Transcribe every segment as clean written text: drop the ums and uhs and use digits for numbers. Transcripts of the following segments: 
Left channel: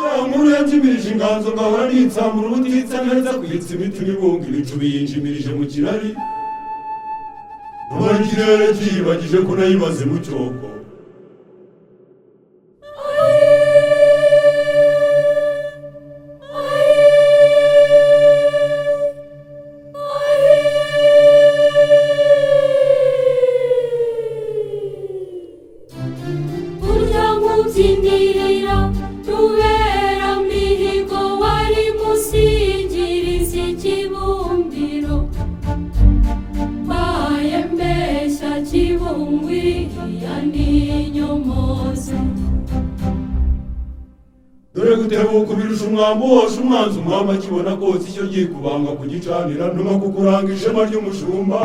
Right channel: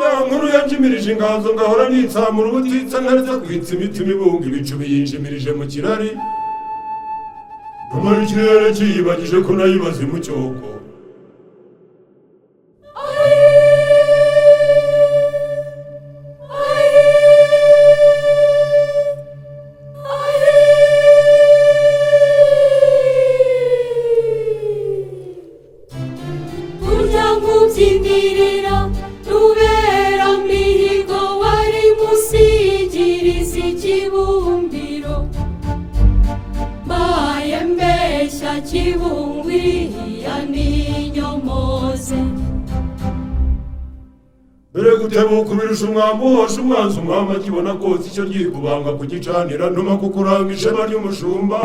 ya nkuru yanjimirije inganzo ngahora nitsamura ubutitsa nkareza kwitsa imitima ibunga ibicubi yinjimirije mu kirari rumara ikirere kiyibagije ko nayibaze mu cyoko dore gutebuka ubirusha umwambi wose umwanzi umwami akibona kose icyo ryikubanga kugicanira ntuma kukuranga ishema ry'umushumba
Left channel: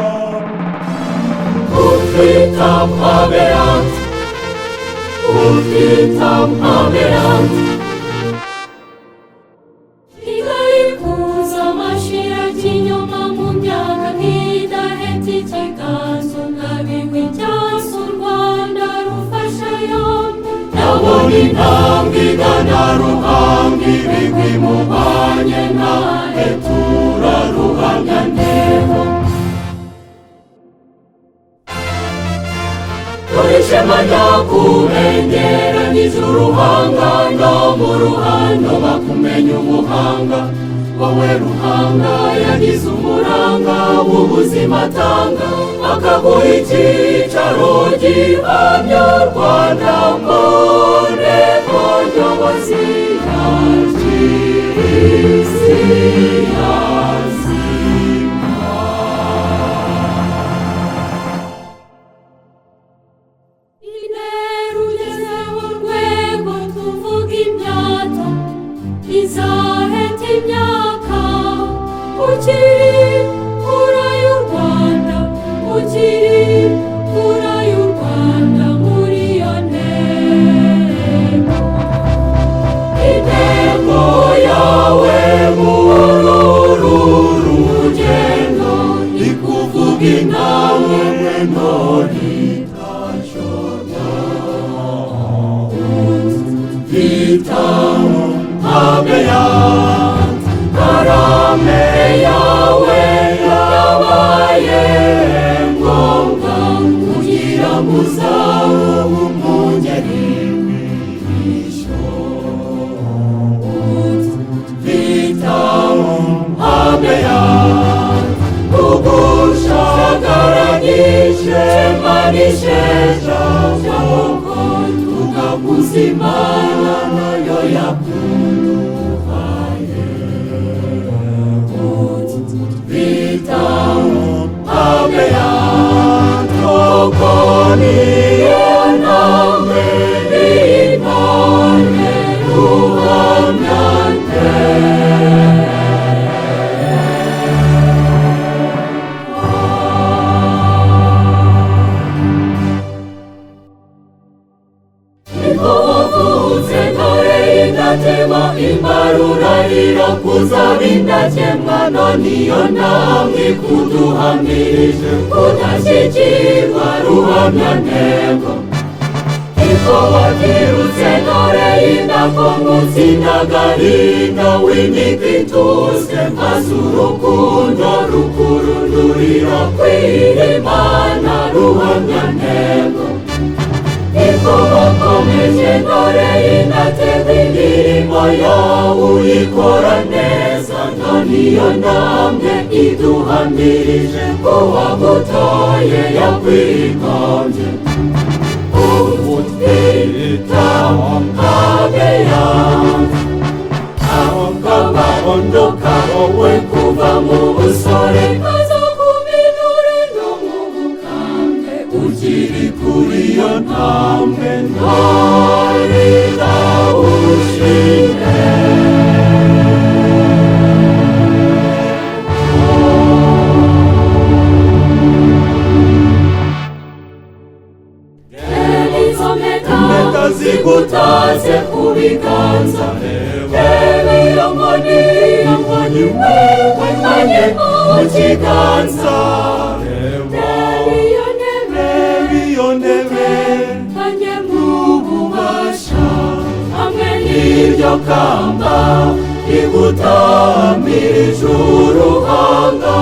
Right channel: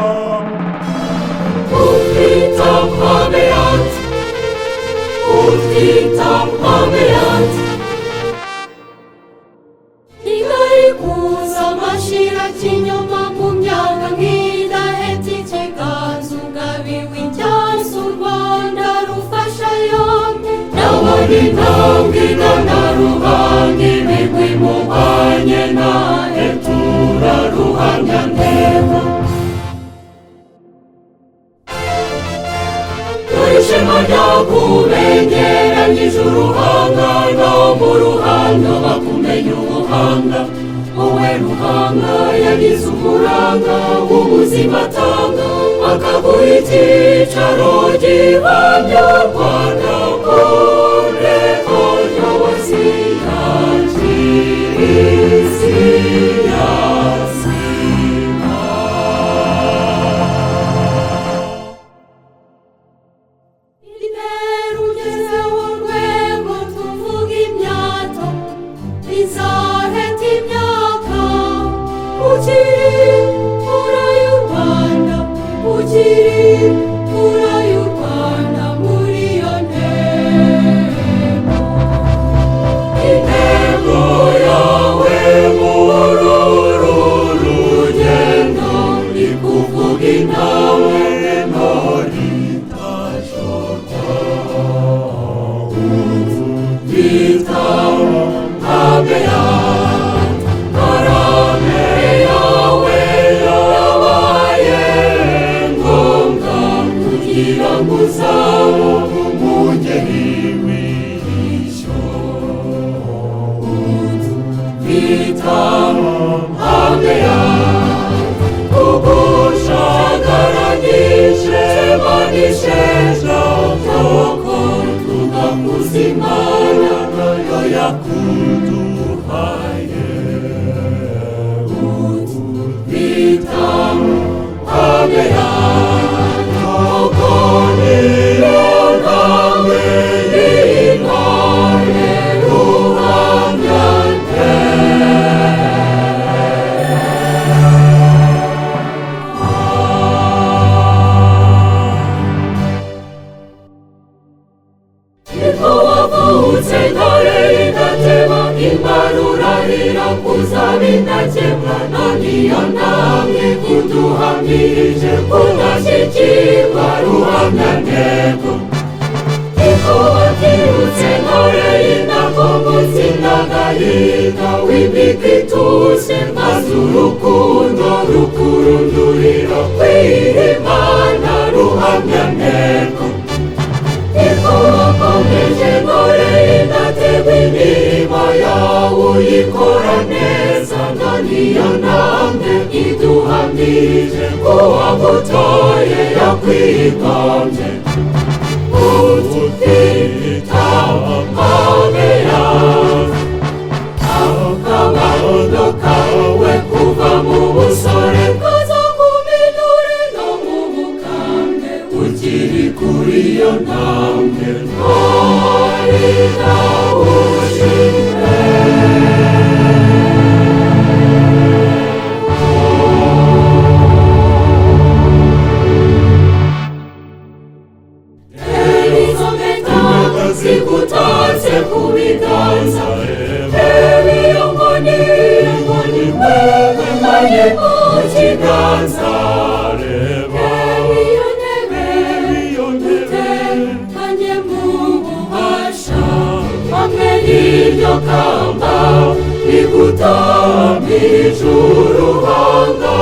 igayikuza amashira kinyoma mu myaka nk'idahetse ikiganza ugabiwe icyasi u Rwanda rufasha yombi nabona intambwe igana ruhanga ibigwi mubanye nawe turaruhamya ntego dore ishema ryakubengeranyije uruhanga no mu ruhando bakumenya ubuhanga wowe ruhanga yagize uburanga w'ubuzima atanga akaguha icyicaro gihamya u Rwanda mureko nyobozi izaheta imyaka ukiri fura y'u Rwanda ukiri fura y'u Rwanda muri iyo ntego intego yawe muri uru rugendo ikuvuga intambwe ntoritashota bitamo karame yawe yabaye ngombwa kugira ngo uzabe umwungeri w'ishyo bitamo hameya ugushagaranyije manisheja cyangwa tugakuza Imana nayo yakuduhaye bitamo hameya koko niyo ntambwe y'intore ruhamya niko wavutse ntore y'indatema imbarurarira kuzaba indakemwa none iyo ntambwe ikuduhamirije kudashyikirwa ruhamya ntego niko wabyirutse ntore y'indakomotsi n'agahinda wimika ituze maze urukundo rukurundurira kwira Imana ruhamya ntego niko wakomeje ntore y'indatego imirimo yawe uyikora neza none iyo ntambwe iduhamirije ko wagutoye yakwigambye ubutitamo hameya aho kabahondo kawe kuva mu busore kaza ku minure no mu bukambwe ukiri kuri iyo ntambwe ntore idahuje zigutatse ku biganza iyo nkoni wegukanye mu kiganza iyo ntebe utekanye mu bubasha hamwe n'ibyo n'iryo kamba rigutamije uruhanga,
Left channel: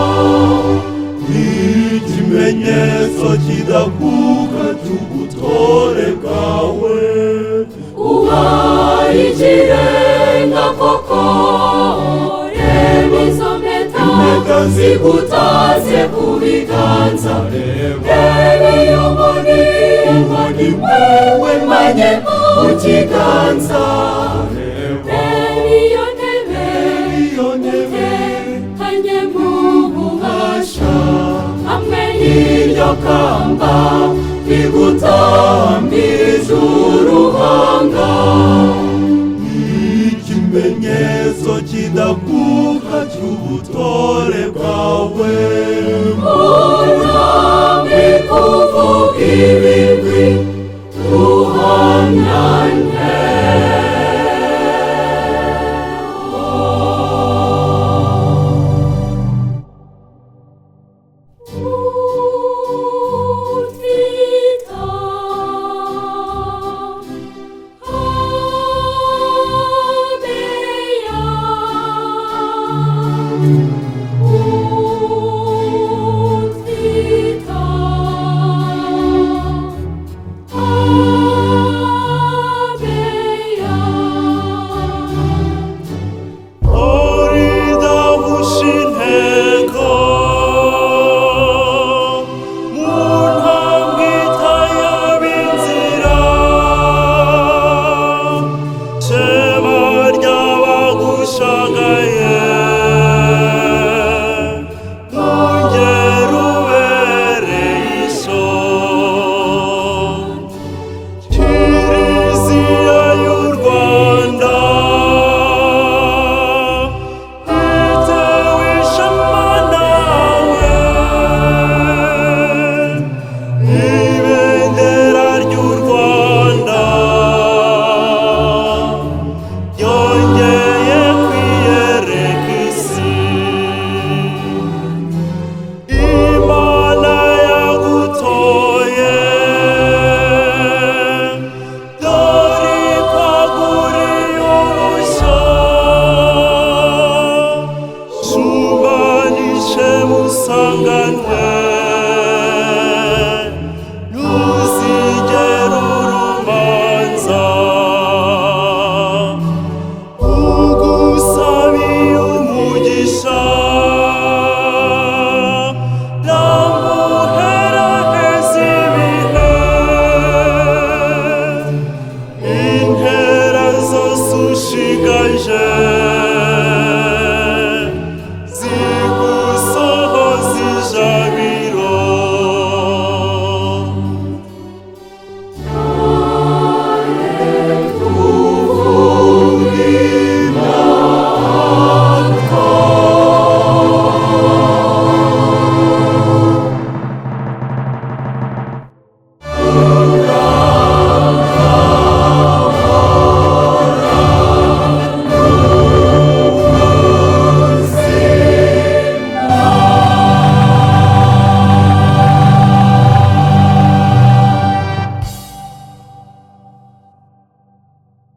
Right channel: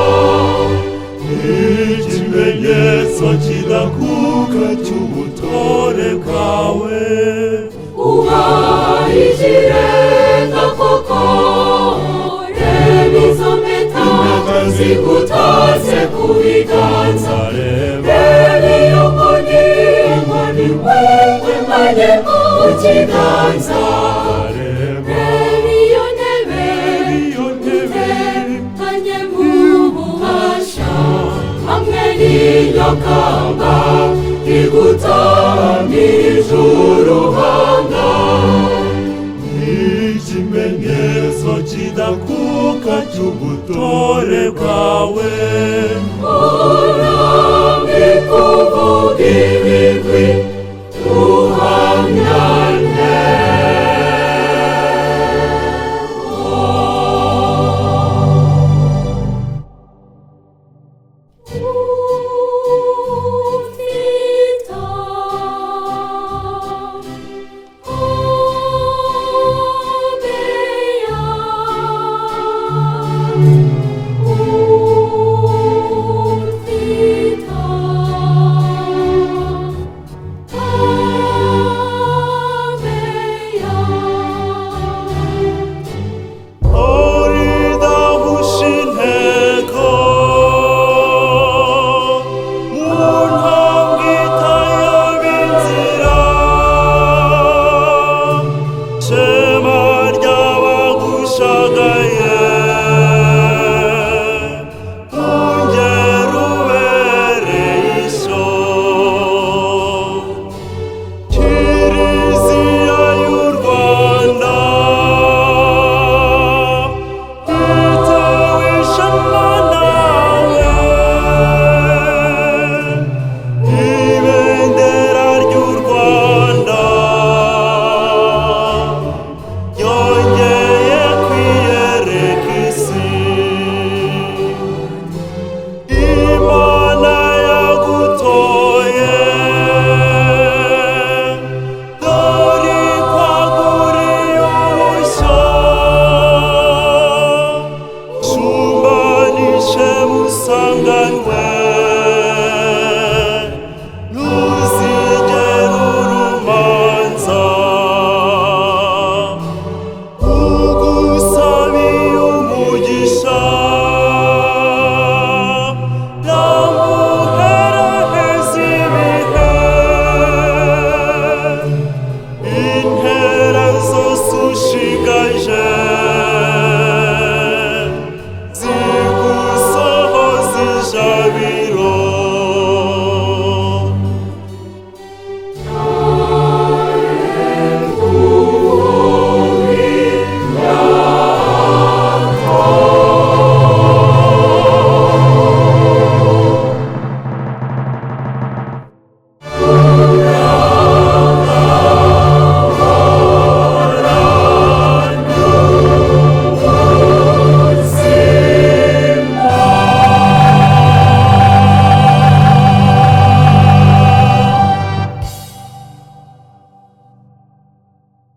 ikimenyetso kidakuka cy'ubutore bwawe, ubaye ikirenga koko. Reba izo mpeta zigutatse ku biganza, reba iyo nkoni wewe manye mu kiganza, reba iyo ntebe utekanye mu bubasha, hamwe n'iryo kamba rigutamije uruhanga, ikimenyetso kidakuka cy'ubutore bwawe.